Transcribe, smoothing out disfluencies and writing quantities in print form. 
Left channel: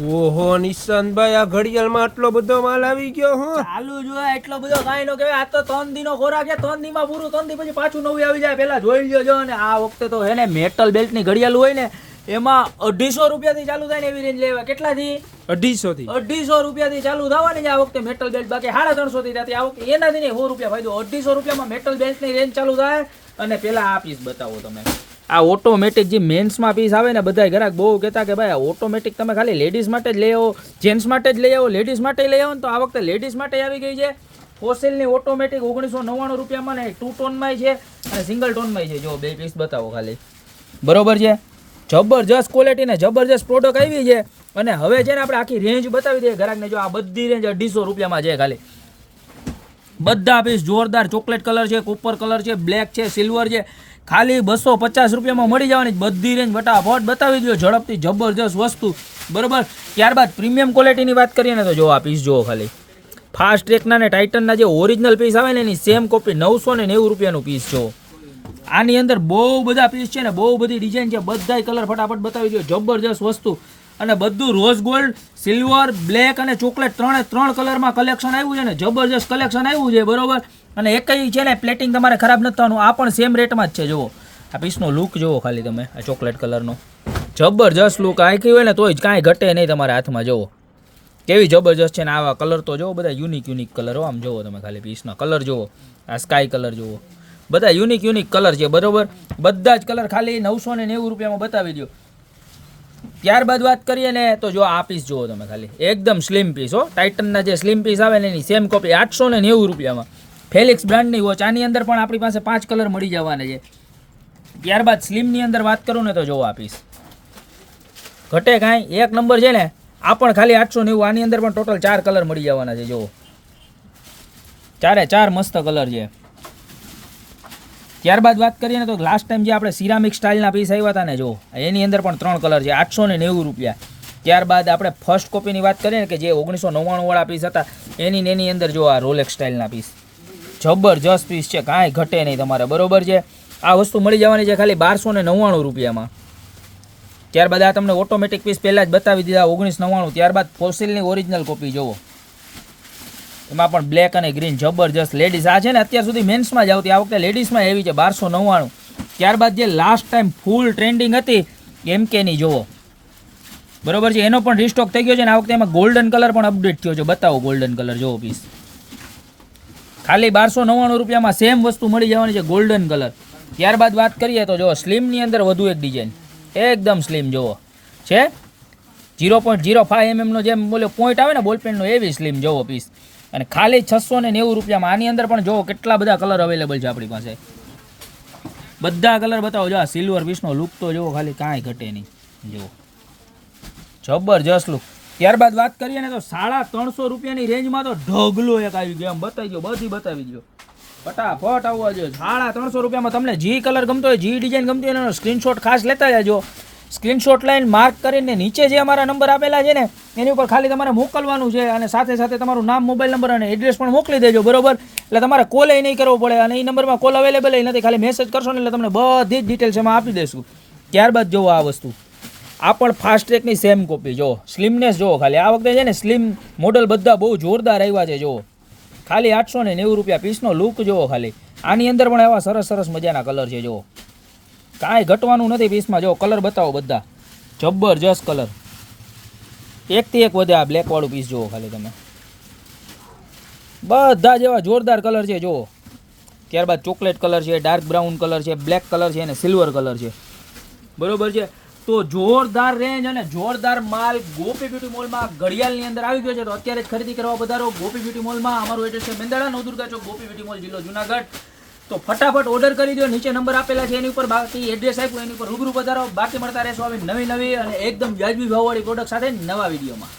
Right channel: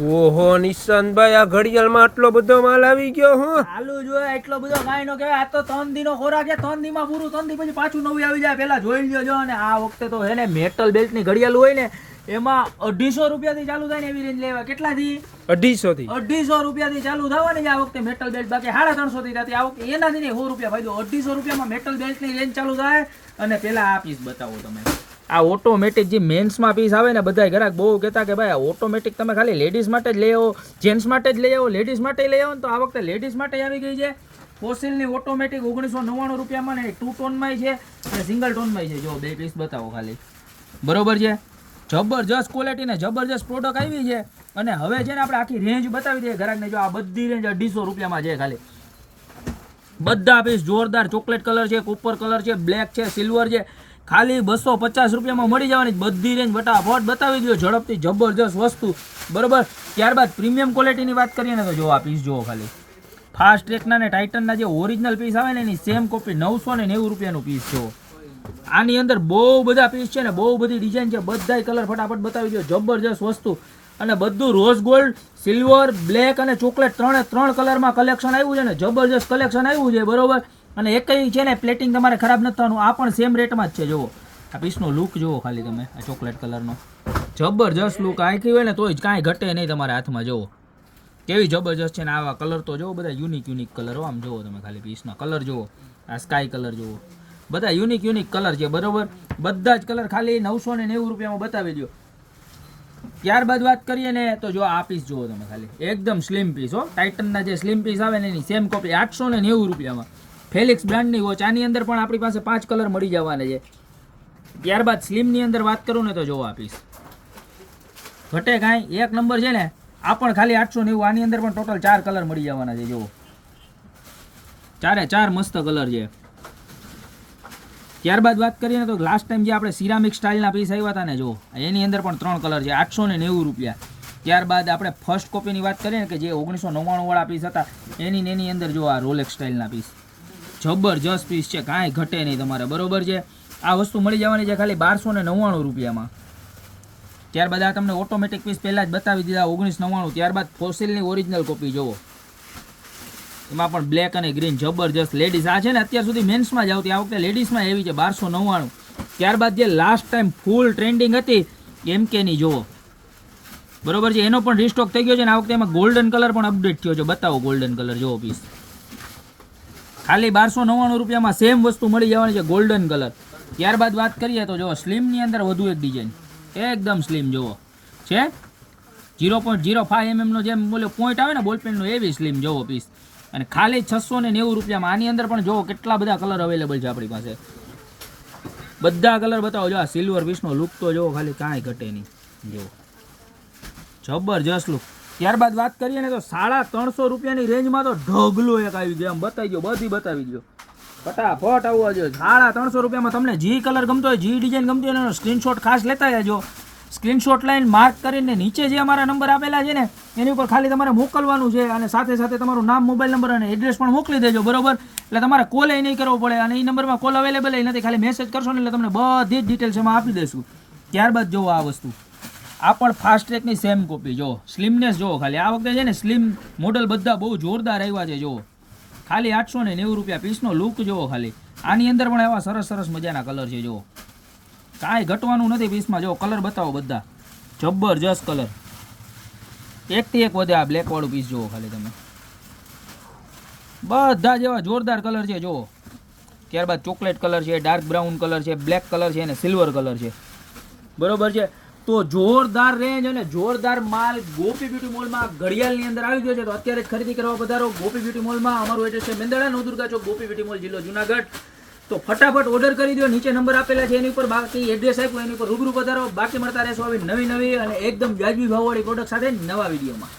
ઓહો નિશાંતભાઈ, આ ઘડિયાળમાં આટલો બધો માલ આવી ગયો. હું ચાલુ જોયા એટલો બધો કાંઈ નો કહેવાય. આ તો 3 દીનો ખોરાક છે. 3 દીમાં પૂરું. 3 દી પછી પાછું નવું આવી જાય. પેલા જોઈ લ્યો. અને આ વખતે તો હે ને મેટલ બેલ્ટ ની ઘડિયાળ હોય ને એમાં 250 રૂપિયાથી ચાલુ થાય ને એવી રેન્જ લેવા. કેટલાથી? 250 થી 250 રૂપિયાથી ચાલુ થવાની આ વખતે મેટલ બેલ્ટ. બાકી 350 થી થતી. આ વખતે એનાથી નહીં 100 રૂપિયા ફાયદો. 250 રૂપિયામાં મેટલ બેલ્ટ ની રેન્જ ચાલુ થાય. અને પેલા આ પીસ બતાવો તમે. આ ઓટોમેટિક જે મેન્સમાં પીસ આવે ને, બધા ઘરાક બહુ કહેતા કે ભાઈ આ ઓટોમેટિક તમે ખાલી લેડીઝ માટે જ લઈ આવો, જેન્ટ્સ માટે જ લઈ આવો, લેડીઝ માટે લઈ આવો ને. તો આ વખતે લેડીઝ માટે આવી ગઈ છે ફોસિલની ઓટોમેટિક 1999 રૂપિયામાં ને 2 ટોનમાં છે અને સિંગલ ટોનમાં છે. જો બે પીસ બતાવો ખાલી. બરોબર છે, જબરજસ્ત ક્વોલિટી ને જબરજસ્ત પ્રોડક્ટ આવી છે. અને હવે છે ને આપણે આખી રેન્જ બતાવી દઈએ ઘરાકને. જો આ બધી રેન્જ 250 રૂપિયામાં છે ખાલી. બધા પીસ જોરદાર ચોકલેટ કલર છે, કોપર કલર છે, બ્લેક છે, સિલ્વર છે. ખાલી 250 રૂપિયામાં મળી જવાની બધી રેન્જ. ફટાફટ બતાવી દો ઝડપથી. જબરજસ્ત વસ્તુ. બરોબર. ત્યારબાદ પ્રીમિયમ ક્વોલિટીની વાત કરીએ ને તો જો આ પીસ જુઓ ખાલી. ફાસ્ટ ટ્રેકના ને ટાઇટનના જે ઓરિજિનલ પીસ આવે ને એની સેમ કોપી 990 રૂપિયાનું પીસ જો. આની અંદર બહુ બધા પીસ છે ને બહુ બધી ડિઝાઇન છે. બધાય કલર ફટાફટ બતાવી દો. જબરજસ્ત વસ્તુ. અને બધું રોઝ ગોલ્ડ, સિલ્વર, બ્લેક અને ચોકલેટ 3 કલરમાં કલેક્શન આવ્યું છે ને. જબરજસ્ત કલેક્શન આવ્યું છે. બરોબર. અને એકઈ છે ને પ્લેટિંગ તમારે ખરાબ નથી થવાનું. આ પણ સેમ રેટમાં જ છે. જુઓ આ પીસનો લુક જુઓ ખાલી તમે. આ ચોકલેટ કલરનો જબરજસ્ત લુક. આખી હોય ને તોય જ કાંઈ ઘટે નહીં તમારા હાથમાં. જુઓ કેવી જબરજસ્ત છે ને. આવા કલર તો જુઓ બધા યુનિક કલર. આમ જુઓ તમે ખાલી પીસનો કલર જુઓ. આ સ્કાય કલર જુઓ. બધા યુનિક કલર છે. બરોબર. બધા જ કલર ખાલી 990 રૂપિયામાં બતાવી દો. ત્યારબાદ વાત કરીએ ને તો જો આ પીસ જુઓ તમે ખાલી. એકદમ સ્લિમ પીસ હો. ટાઇટનના જે સ્લિમ પીસ આવે ને એની સેમ કોપી 890 રૂપિયામાં. ફેલિક્સ બ્રાન્ડની વોચ. આની અંદર પણ આપણી પાસે 5 કલર મળી જવાના છે. ત્યારબાદ સ્લિમની અંદર વાત કરું ને તો જો આ પીસ ઘટે કાંઈ એક નંબર છે ને. આ પણ ખાલી 890. આની અંદર પણ ટોટલ 4 કલર મળી જવાના છે. જુઓ 4 મસ્ત કલર છે. ત્યારબાદ વાત કરીએ ને તો લાસ્ટ ટાઈમ જે આપણે સિરામિક સ્ટાઇલના પીસ આવ્યા હતા ને જો એની અંદર પણ 3 કલર છે. 890 રૂપિયા. ત્યારબાદ આપણે ફર્સ્ટ કોપીની વાત કરીએ ને કે જે 1999 વાળા પીસ હતા એની અંદર જો આ રોલેક્સ સ્ટાઇલના પીસ. જબરજસ્ત પીસ છે. કાંઈ ઘટે નહીં તમારે. બરોબર છે. આ વસ્તુ મળી જવાની છે ખાલી 1299 રૂપિયામાં. ત્યારબાદ આ તમને ઓટોમેટિક પીસ પહેલાં જ બતાવી દીધા 1999. ત્યારબાદ ફોસિલની ઓરિજિનલ કોપી જુઓ. એમાં પણ બ્લેક અને ગ્રીન જબરજસ્ત. લેડીઝ આ છે ને અત્યાર સુધી મેન્સમાં જ આવતી. આ વખતે લેડીઝમાં એવી છે 1299. ત્યારબાદ જે લાસ્ટ ટાઈમ ફૂલ ટ્રેન્ડિંગ હતી MKની જુઓ. બરોબર છે. એનો પણ રીસ્ટોક થઈ ગયો છે ને આ વખતે એમાં ગોલ્ડન કલર પણ અપડેટ થયો છે. બતાવો ગોલ્ડન કલર જુઓ પીસ. ખાલી 1299 રૂપિયામાં સેમ વસ્તુ મળી જવાની છે ગોલ્ડન કલર. ત્યારબાદ વાત કરીએ તો જો સ્લિમની અંદર વધુ એક ડિઝાઇન એકદમ સ્લિમ જુઓ છે. 0.05 mm નો જેમ બોલે પોઈન્ટ આવે ને બોલપેનનો એવી સ્લિમ જુઓ પીસ. અને ખાલી 690 રૂપિયામાં. આની અંદર પણ જુઓ કેટલા બધા કલર અવેલેબલ છે આપણી પાસે. બધા કલર બતાવો. જો આ સિલ્વર પીસનો લુક તો જુઓ ખાલી. કાંઈ ઘટે નહીં. જુઓ જબરજસ્ત લુક. ત્યારબાદ વાત કરીએ ને તો 350 રૂપિયાની રેન્જમાં તો ઢગલો એક આવી ગયો. આમ બતાવી દો. બધી બતાવી દો ફટાફટ આવવા જોઈએ. 350 રૂપિયામાં તમને જે કલર ગમતો હોય, જે ડિઝાઇન ગમતી હોય એનો સ્ક્રીનશોટ ખાસ લેતા જજો. સ્ક્રીનશોટ લાઈન માર્ક કરીને નીચે જે અમારા નંબર આપેલા છે ને એની ઉપર ખાલી તમારે મોકલવાનું છે. અને સાથે સાથે તમારું નામ, મોબાઈલ નંબર અને એડ્રેસ પણ મોકલી દેજો. બરોબર. એટલે તમારે કોલ નહીં કરવો પડે. અને એ નંબરમાં કોલ અવેલેબલ નથી. ખાલી મેસેજ કરશો ને એટલે તમને બધી જ ડિટેલ્સ એમાં આપી દઈશું. ત્યારબાદ જુઓ આ વસ્તુ. આ પણ ફાસ્ટ ટ્રેકની સેમ કોપી જુઓ. સ્લિમનેસ જુઓ ખાલી. આ વખતે છે ને સ્લિમ મોડલ બધા બહુ જોરદાર આવ્યા છે. જુઓ ખાલી 890 રૂપિયા. પીસનો લુક જુઓ ખાલી. આની અંદર પણ એવા સરસ મજાના કલર છે. જુઓ કાંઈ ઘટવાનું નથી પીસમાં. જો કલર બતાવો બધા જબરજસ્ત કલર. એકથી એક વધે. આ બ્લેક વાળું પીસ જુઓ ખાલી તમે. બધા જેવા જોરદાર કલર છે. જુઓ. ત્યારબાદ ચોકલેટ કલર છે, ડાર્ક બ્રાઉન કલર છે, બ્લેક કલર છે અને સિલ્વર કલર છે. બરોબર છે. તો જોરદાર રેન્જ અને જોરદાર માલ ગોપી બ્યુટી મોલમાં ઘડિયાળની અંદર આવી ગયો છે. તો અત્યારે જ ખરીદી કરવા પધારો ગોપી બ્યુટી મોલમાં. અમારું એડ્રેસ છે મેંદરડા નવદુર્ગા ચોક, ગોપી બ્યુટી મોલ, જિલ્લો જુનાગઢ. તો ફટાફટ ઓર્ડર કરી દો. નીચે નંબર આપેલા છે એની ઉપર. બાકી એડ્રેસ આપ્યું એની ઉપર રૂબરૂ પધારો. બાકી મળતા રહેશો આવી નવી અને એકદમ વ્યાજબી ભાવવાળી પ્રોડક્ટ સાથે નવા વિડીયોમાં.